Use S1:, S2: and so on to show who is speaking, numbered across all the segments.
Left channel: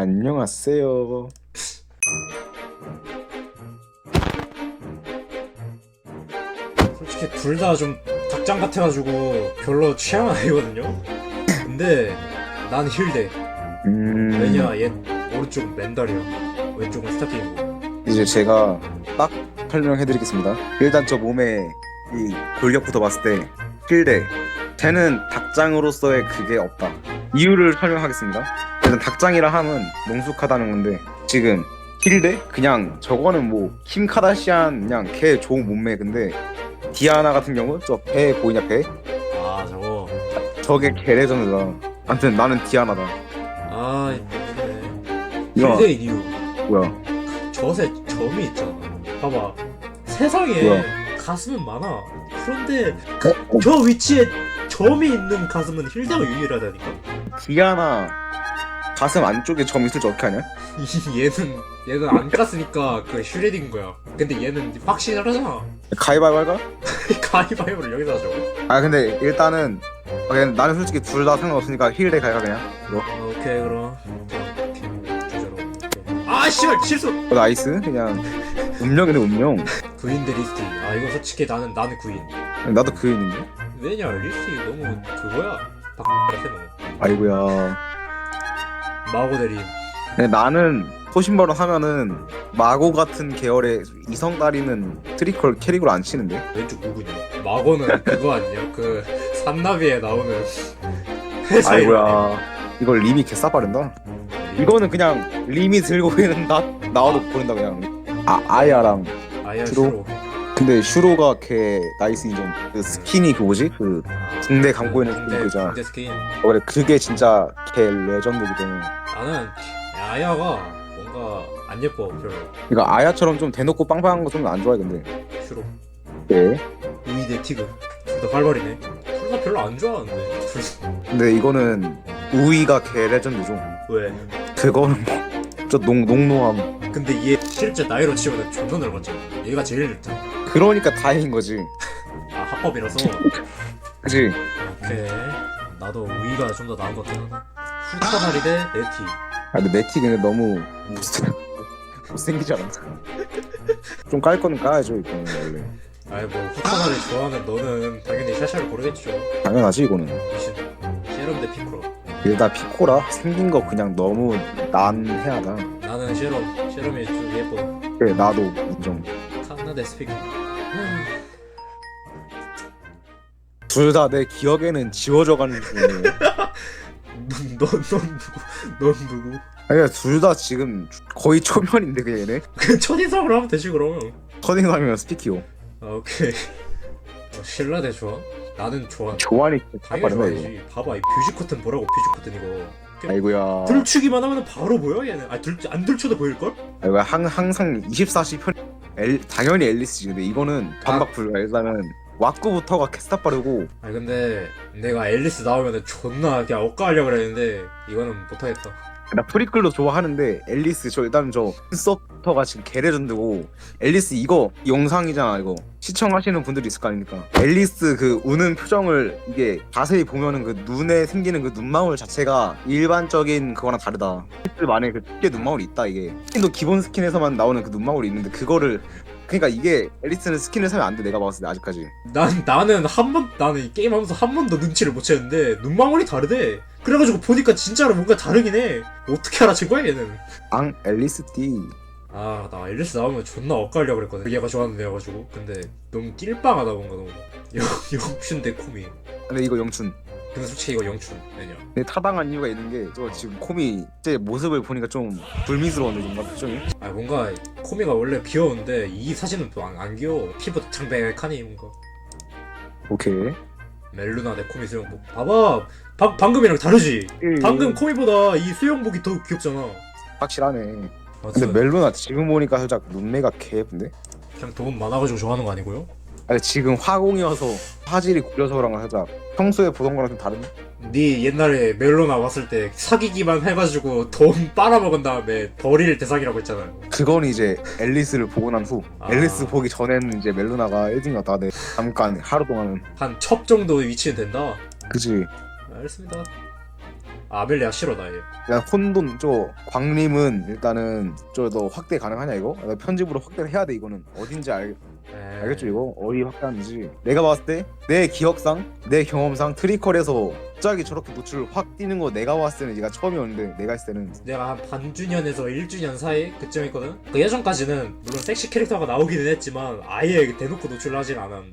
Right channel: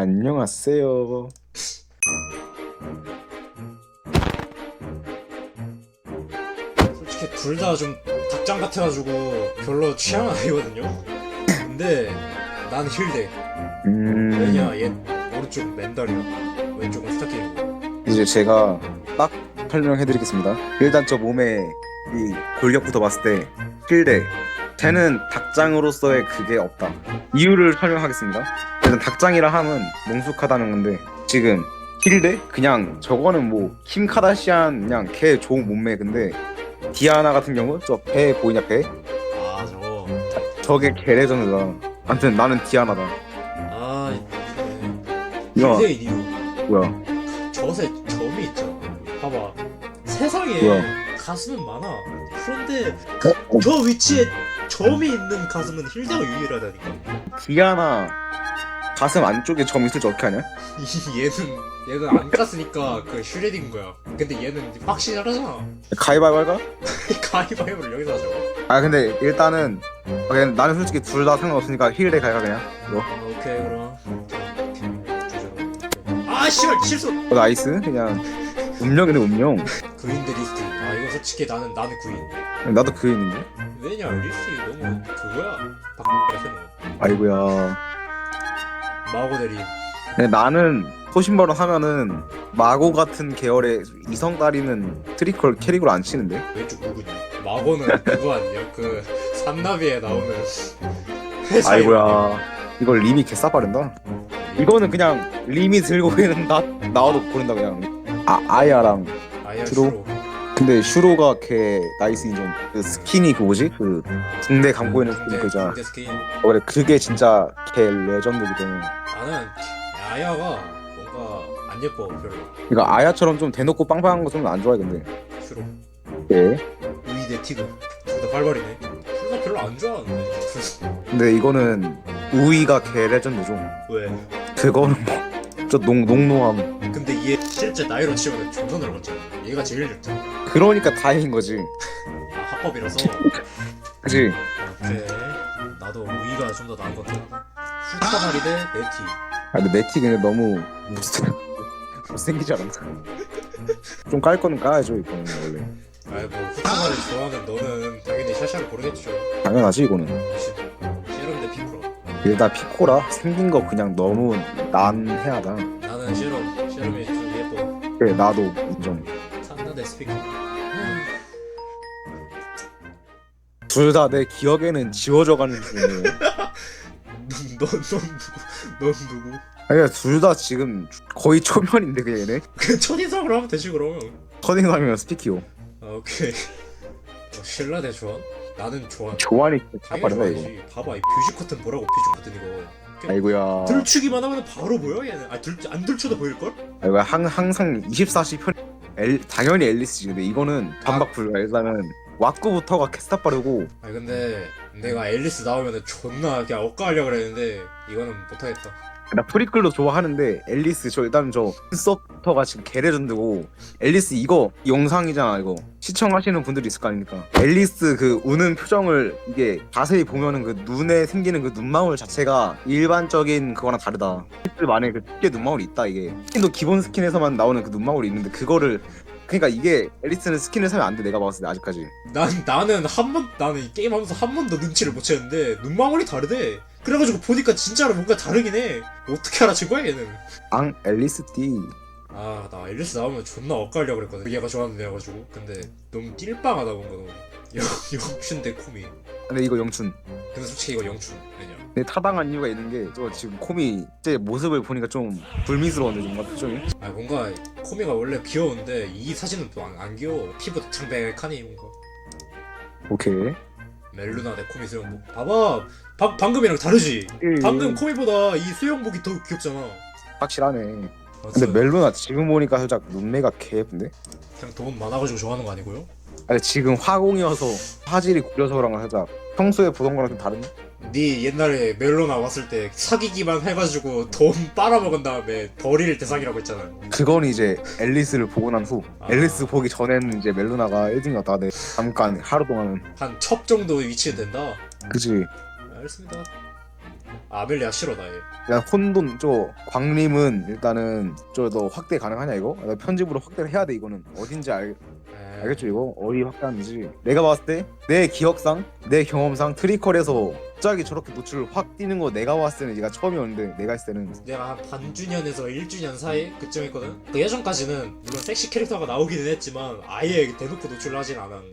S1: 안녕하세요.
S2: 둘 다좀 극장 같아가지고 별로 취향은 아니거든요. 근데 난 힐대.
S1: 음,
S2: 야, 얘 오른쪽 랜더리, 왼쪽 스타팅.
S1: 이제 제가 딱 설명해드리겠습니다. 일단 저 몸에 이 골격부터 봤을 때 필대 쟤는 닭장으로서의 그게 없다. 이유를 설명하겠습니다. 일단 닭장이라 함은 농숙하다는 건데 지금 힐대 그냥 저거는 뭐킴 카다시안 그냥 걔 좋은 몸매 근데 디아나 같은 경우 저 배 보이냐 배?
S2: 아 저거.
S1: 저게 개 레전드다. 아무튼 나는 디아나다.
S2: 아
S1: 이거. 뭐야?
S2: 저새 점이 있잖아. 봐봐. 세상에
S1: 뭐야?
S2: 가슴은 많아. 그런데
S1: 어? 어,
S2: 저 위치에 점이 있는 가슴은 힐대가 유일하다니.
S1: 디아나 가슴 안쪽에 점 있을 줄 어떻게 하냐?
S2: 이 얘는 얘는 안 깠으니까 그 슈레딩 거야. 근데 얘는 확신을 하잖아.
S1: 가위바위보 할까?
S2: 가위바위보를 여기다 하잖아.
S1: 아 근데 일단은 어, 그냥 나는 솔직히 둘 다 상관없으니까 힐대 가위가 그냥 이거
S2: 오케이 그럼. 아 씨발 실수.
S1: 어, 나이스 그냥 운명이네 운명
S2: 구인들 리스트. 아 이거 솔직히 나는 나는 구인.
S1: 나도 그 있는데
S2: 왜냐 리스트 너무 그거야.
S1: 아이고야. 근데 나는 소신발언 하면은 마고 같은 계열의 이성 따리는 트리컬 캐릭으로 안 치는데?
S2: 마고는 그거 아니야? 그 산나비에 나오는.
S1: 아이고야 이걸 리미 개싸빠른다 이거는 그냥 리미 들고 있는 나 나와도 고른다 그냥 아 아야랑
S2: 아예
S1: 슈로? 근데 슈로가 걔 나이스 인정 그 스킨이 그 뭐지 그 붕대 감고 있는 스킨 그잖아
S2: 근데 스킨.
S1: 어, 그래 그게 진짜 걔 레전드거든 이거 아야처럼 좀 대놓고 빵빵한 거 좀 안 좋아해 근데. 예
S2: 별로 안 좋아하는데.
S1: 근데 이거는 우이가 걔 레전드죠
S2: 왜?
S1: 그거는 뭐저 농 농노함
S2: 근데 얘 실제 나이로 치면 존나 늙었잖아. 얘가 제일 늙잖아.
S1: 그러니까 다행인 거지
S2: 아, 합법이라서.
S1: 그지
S2: 네. 나도 오이가 좀 더 나은 것 같아. 슈퍼볼인데 네티.
S1: 아 근데 네티 근데 너무 무슨 못 생기지 않았나 좀 깔 거는 까야죠 이거는 원래
S2: 너는 당연히 샤샤를 고르겠지.
S1: 당연하지 이거는
S2: 대.
S1: 일단 피코라 생긴 거 그냥 너무 난해하다
S2: 나는 예뻐.
S1: 그래 나도 인정
S2: 산도 대 스피커.
S1: 둘 다 내 기억에는 지워져 가는 중이에요
S2: 넌넌넌 누구?
S1: 아니 둘다 지금 거의 초면인데 그냥 얘네
S2: 그 첫인상으로 하면 되지 그러면.
S1: 커닝하면 스피키오
S2: 아 오케이. 신라 대 조안? 나는 조안.
S1: 조안이 진짜 빠르다 이거
S2: 봐봐 이 뷰지 커튼 보라고 뷰지 커튼.
S1: 아이고야
S2: 들추기만 하면 바로 보여 얘는. 아 들 안 들춰도 보일 걸?
S1: 아이고 항, 항상 24시 편 엘, 당연히 앨리스지 근데 이거는 반박 불가 일단은 왁구부터가 개스타 빠르고
S2: 아 근데 내가 앨리스 나오면은 존나 그냥 억까하려고 그랬는데 이거는 못하겠다.
S1: 나 프리클도 좋아하는데 앨리스 저 일단 저 서부터가 지금 개레전드고 앨리스 이거 영상이잖아 이거. 시청하시는 분들이 있을 거 아닙니까? 앨리스 그 우는 표정을 이게 자세히 보면은 그 눈에 생기는 그 눈망울 자체가 일반적인 그거랑 다르다. 앨리스만의 그 특유의 눈망울이 있다 이게. 스킨도 기본 스킨에서만 나오는 그 눈망울이 있는데 그거를 그러니까 이게 앨리스는 스킨을 사면 안 돼 내가 봤을 때 아직까지.
S2: 난 나는 한 번 나는 이 게임 하면서 한 번도 눈치를 못 챘는데 눈망울이 다르대. 그래가지고 보니까 진짜로 뭔가 다르긴 해. 어떻게 알아챈 거야 얘는?
S1: 앙 앨리스 띠
S2: 아 나 앨리스 나오면 존나 억까하려고 그랬거든. 얘가 좋아하는데 여가지고 근데 너무 낄빵하다 뭔가 너무. 영 영춘 대 코미.
S1: 근데 이거 영춘
S2: 근데 솔직히 이거 영춘. 왜냐?
S1: 근데 타당한 이유가 있는 게 저 지금 코미 제 모습을 보니까 좀 불미스러운데 뭔가 표정이
S2: 아 뭔가 코미가 원래 귀여운데 이 사진은 안, 안 귀여워. 피부 탱백하니 뭔가.
S1: 오케이
S2: 멜루나 내 코미 수영복. 봐봐. 방, 방금이랑 다르지?
S1: 음.
S2: 방금 코미보다 이 수영복이 더 귀엽잖아.
S1: 확실하네
S2: 아,
S1: 근데 멜로나 지금 보니까 살짝 눈매가 개 예쁜데?
S2: 그냥 돈 많아가지고 좋아하는 거 아니고요?
S1: 아니 지금 화공이어서 화질이 구려서 그런가 살짝 평소에 보던 거랑 좀 다른?
S2: 네 옛날에 멜로나 봤을 때 사귀기만 해가지고 돈 빨아먹은 다음에 버릴 대상이라고 했잖아.
S1: 그건 이제 앨리스를 보고 난 후 앨리스 보기 전에는 이제 멜로나가 1등이었다 네 잠깐 하루 동안은
S2: 한 첩 정도 위치는 된다.
S1: 그지
S2: 알겠습니다. 아, 아멜리아 싫어 나 얘.
S1: 그냥 혼돈 저 광림은 일단은 저 너 확대 가능하냐 이거? 나 편집으로 확대를 해야 돼 이거는 어딘지 알 알겠죠 이거 어디 확대하는지 내가 봤을 때 내 기억상 내 경험상 트리컬에서 갑자기 저렇게 노출 확 뛰는 거 내가 봤을 때는 얘가 처음이었는데 내가 했을 때는
S2: 내가 한 반주년에서 1주년 사이 그쯤 했거든 그 예전까지는 섹시 캐릭터가 나오기는 했지만 아예 대놓고 노출을 하진 않았는데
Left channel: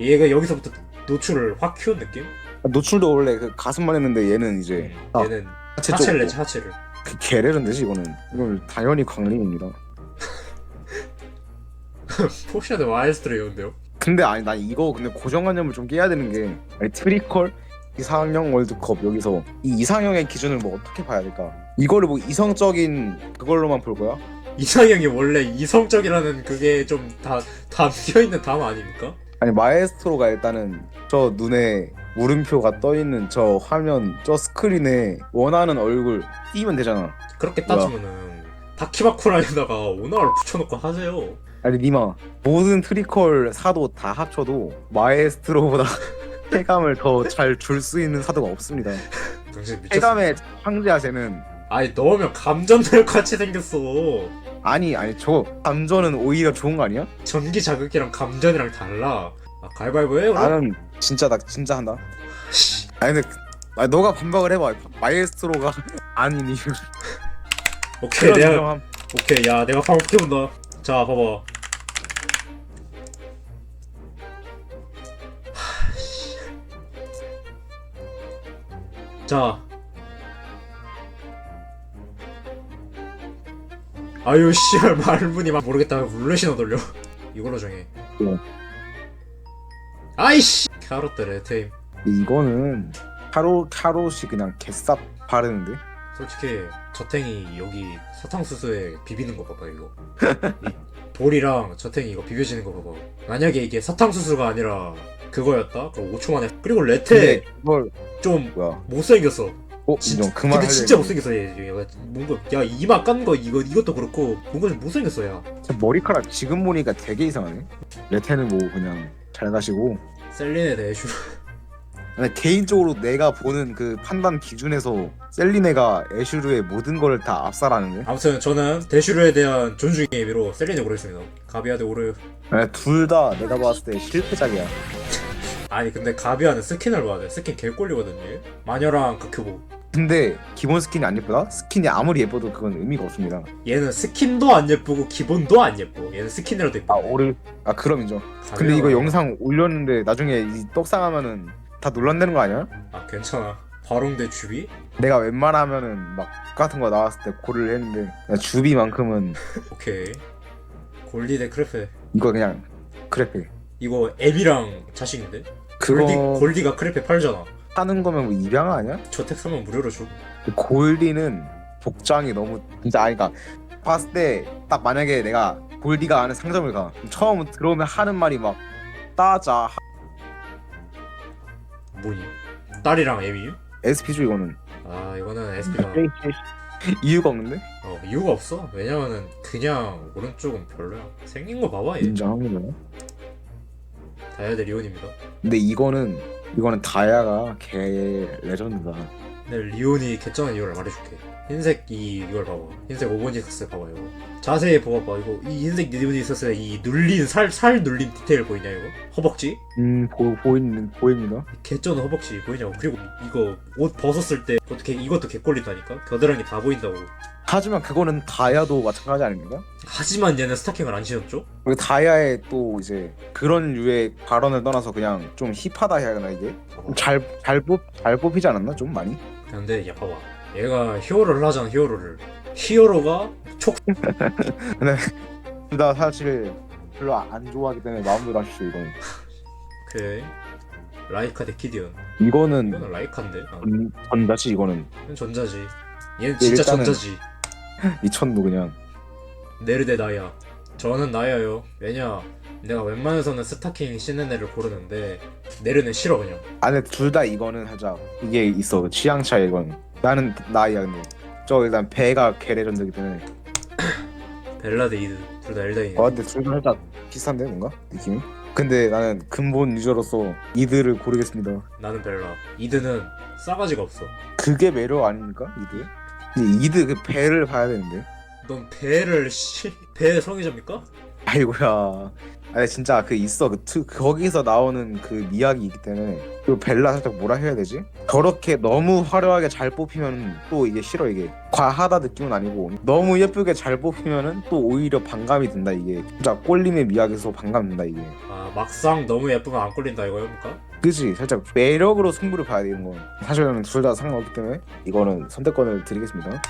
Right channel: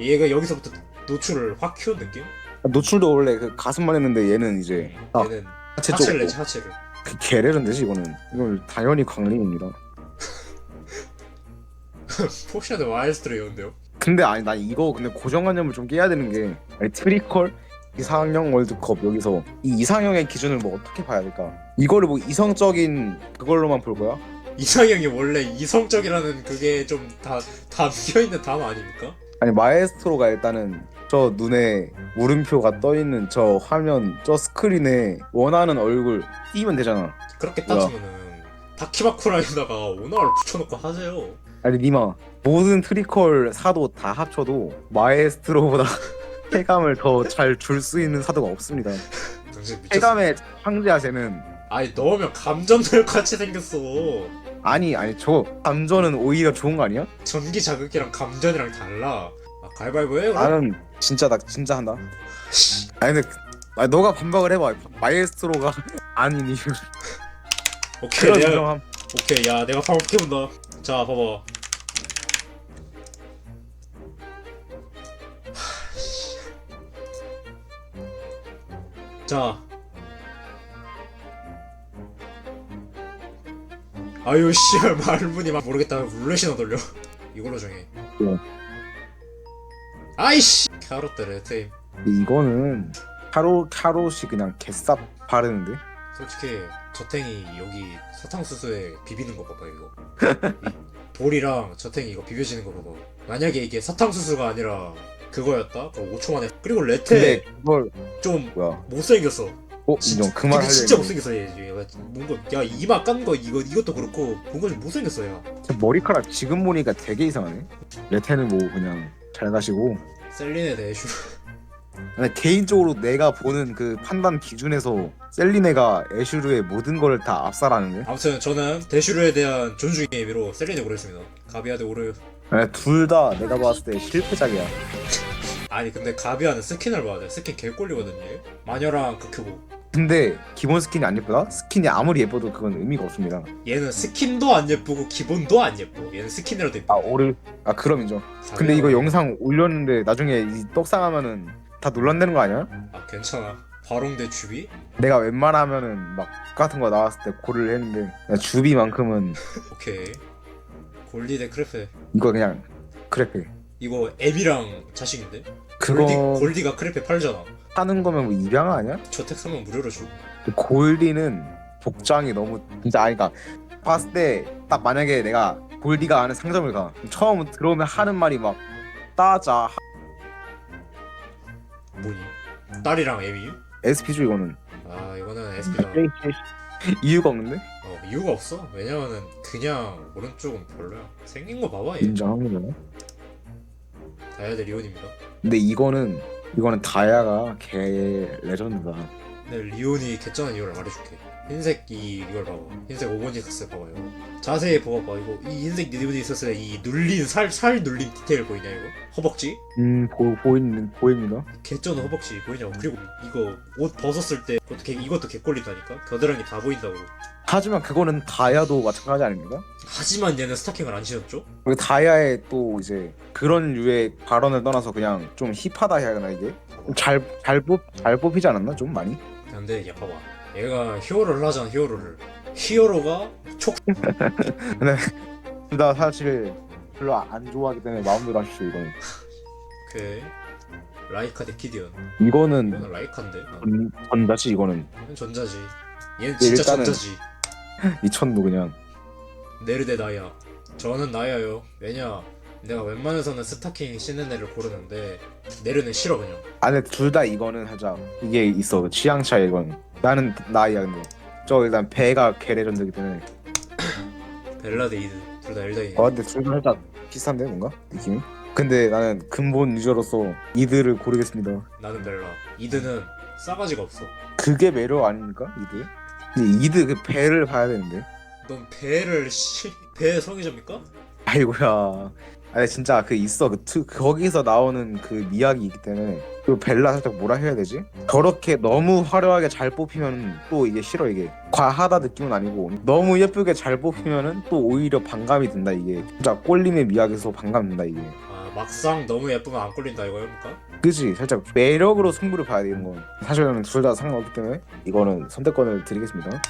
S2: 얘가 여기서부터 노출을 확 키운 느낌?
S1: 노출도 원래 그 가슴만 했는데 얘는 이제 아,
S2: 얘는
S1: 하체
S2: 하체를 내지 하체를
S1: 그 개레른데지 이거는 이건 당연히 광림입니다
S2: 포션의 와일스트레이온데요
S1: 근데 아니 난 이거 근데 고정관념을 좀 깨야 되는 게 아니 트리컬 이상형 월드컵 여기서 이 이상형의 기준을 뭐 어떻게 봐야 될까? 이거를 뭐 이성적인 그걸로만 볼 거야?
S2: 이상형이 원래 이성적이라는 그게 좀 다 담겨 있는 단어 아닙니까?
S1: 아니 마에스트로가 일단은 저 눈에 물음표가 떠 있는 저 화면 저 스크린에 원하는 얼굴 띄면 되잖아.
S2: 그렇게
S1: 뭐야?
S2: 따지면은 다키마쿠라에다가 오나를 붙여놓고 하세요
S1: 아니 니마 모든 트리컬 사도 다 합쳐도 마에스트로보다 쾌감을 더 잘 줄 수 있는 사도가 없습니다.
S2: 당신 미쳤어.
S1: 쾌감의 황제아세는
S2: 아니 넣으면 감전될 같이 생겼어
S1: 아니 아니 저 감전은 오히려 좋은 거 아니야?
S2: 전기 자극이랑 감전이랑 달라 아 가위바위보 해요
S1: 나는 진짜 나 진짜 한다.
S2: 씨.
S1: 아니 근데 그- 아니 너가 반박을 해봐. 마에스트로가 아닌 이유
S2: 오케이
S1: 그런
S2: 내가-
S1: 인정함.
S2: 오케이 야 내가 방울 붙여본다 자 봐봐 자 아유 씨발 말문이 막 모르겠다. 룰렛이나 돌려. 이걸로 정해.
S1: 네.
S2: 아이씨 캐럿 대 레테임.
S1: 이거는 카로 카롯이 그냥 개쌉 바르는데.
S2: 솔직히 저탱이 여기 사탕수수에 비비는 거 봐봐 이거. 볼이랑 저탱이 이거 비벼지는 거 봐봐. 만약에 이게 사탕수수가 아니라 그거였다? 그럼 5초 만에. 그리고 레테
S1: 근데 그걸
S2: 좀
S1: 뭐야?
S2: 못생겼어.
S1: 어 인정. 그 말 하려
S2: 진짜
S1: 했는데.
S2: 못생겼어 얘 야 이마 깐 거 이거 이것도 그렇고 뭔가 좀 못생겼어 야
S1: 제 머리카락 지금 보니까 되게 이상하네. 레테는 뭐 그냥 잘 가시고.
S2: 셀린에 대해 슈
S1: 근데 개인적으로 내가 보는 그 판단 기준에서 셀리네가 애슈르의 모든 걸 다 압살하는데.
S2: 아무튼 저는 대슈르에 대한 존중의 의미로 셀린에 고르겠습니다 가비아드 오르
S1: 둘 다 내가 봤을 때 실패작이야.
S2: 아니 근데 가비아는 스킨을 봐야 돼 스킨 개꼴리거든요 마녀랑 크크고
S1: 근데 기본 스킨이 안 예쁘다? 스킨이 아무리 예뻐도 그건 의미가 없습니다.
S2: 얘는 스킨도 안 예쁘고 기본도 안 예뻐. 얘는 스킨이라도 예뻐.
S1: 아 오르. 아 그럼 인정. 근데 이거 영상 올렸는데 나중에 이 떡상하면은 다 논란되는 거 아니야?
S2: 아, 괜찮아. 바롱대 주비?
S1: 내가 웬만하면은 막 같은 거 나왔을 때 고를 했는데 나 주비만큼은
S2: 오케이. 골디 대 크레페.
S1: 이거 그냥 크래페.
S2: 이거 앱이랑 자식인데?
S1: 그거
S2: 골디, 골디가 크레페 팔잖아.
S1: 하는 거면 뭐 입양 아니야?
S2: 사면 무료로 줘.
S1: 골디는 복장이 너무 진짜 아니까 봤을 때 딱 만약에 내가 골디가 아는 상점을 가 그럼 처음 들어오면 하는 말이 막 따자
S2: 뭐니? 딸이랑 앱이?
S1: SP죠 이거는
S2: 아 이거는 에스파.
S1: 이유가 없는데
S2: 어, 이유가 없어. 왜냐면은 그냥 오른쪽은 별로야. 생긴 거 봐봐 얘.
S1: 인정합니다
S2: 다이아드 리온입니다.
S1: 근데 이거는 이거는 다야가 개 레전드다
S2: 근데 리온이 개쩌는 이유를 말해줄게. 흰색 이걸 봐봐. 흰색 오버니스스 봐봐 이거. 자세히 봐봐 이거. 이 흰색 오버니스스 이 눌린 살 살 눌린 디테일 보이냐 이거? 허벅지?
S1: 음 보, 보이는 보입니다
S2: 개쩌는 허벅지 보이냐고. 그리고 이거 옷 벗었을 때 어떻게 이것도 개꼴린다니까? 겨드랑이 다 보인다고.
S1: 하지만 그거는 다야도 마찬가지 아닙니까?
S2: 하지만 얘는 스타킹을 안 신었죠?
S1: 그리고 다야의 또 이제 그런 류의 발언을 떠나서 그냥 좀 힙하다 해야 하나 이게 잘 잘 뽑, 잘 뽑히지 않았나 좀 많이?
S2: 근데 야 봐봐. 얘가 히어로를 하잖아 히어로를. 히어로가 촉
S1: 근데 나 사실 별로 안 좋아하기 때문에 마음대로 하십시오 이거는
S2: 그 라이카 대 키디언.
S1: 이거는
S2: 이건 라이카인데.
S1: 전, 전자지 이거는
S2: 전자지. 얘는 진짜
S1: 일단은-
S2: 전자지.
S1: 미천도 그냥
S2: 네르데 나야. 저는 나야요. 왜냐? 내가 웬만해서는 스타킹 신는 애를 고르는데 네르는 싫어 그냥.
S1: 안에 둘 다 이거는 살짝 이게 있어 취향 차이 이건 나는 나이야 근데 저 일단 배가 개레전드기 때문에
S2: 벨라 대 이드. 둘다 엘다인.
S1: 어 근데 둘다 살짝 비슷한데 뭔가 느낌이? 근데 나는 근본 유저로서 이들을 고르겠습니다
S2: 나는 벨라. 이드는 싸가지가 없어.
S1: 그게 매력 아닙니까 이들? 근데 이드 그 배를 봐야 되는데
S2: 넌 배를 씨 배의 성의자입니까?
S1: 아이고야 아니 진짜 그 있어. 그 투, 거기서 나오는 그 미학이 있기 때문에 그 벨라 살짝 뭐라 해야 되지? 저렇게 너무 화려하게 잘 뽑히면 또 이게 싫어 이게. 과하다 느낌은 아니고 너무 예쁘게 잘 뽑히면은 또 오히려 반감이 든다 이게. 진짜 꼴림의 미학에서 반감 든다 이게.
S2: 아, 막상 너무 예쁘면 안 꼴린다 이거입니까?
S1: 그지? 살짝 매력으로 승부를 봐야 되는 건. 사실은 둘 다 상관없기 때문에 이거는 선택권을 드리겠습니다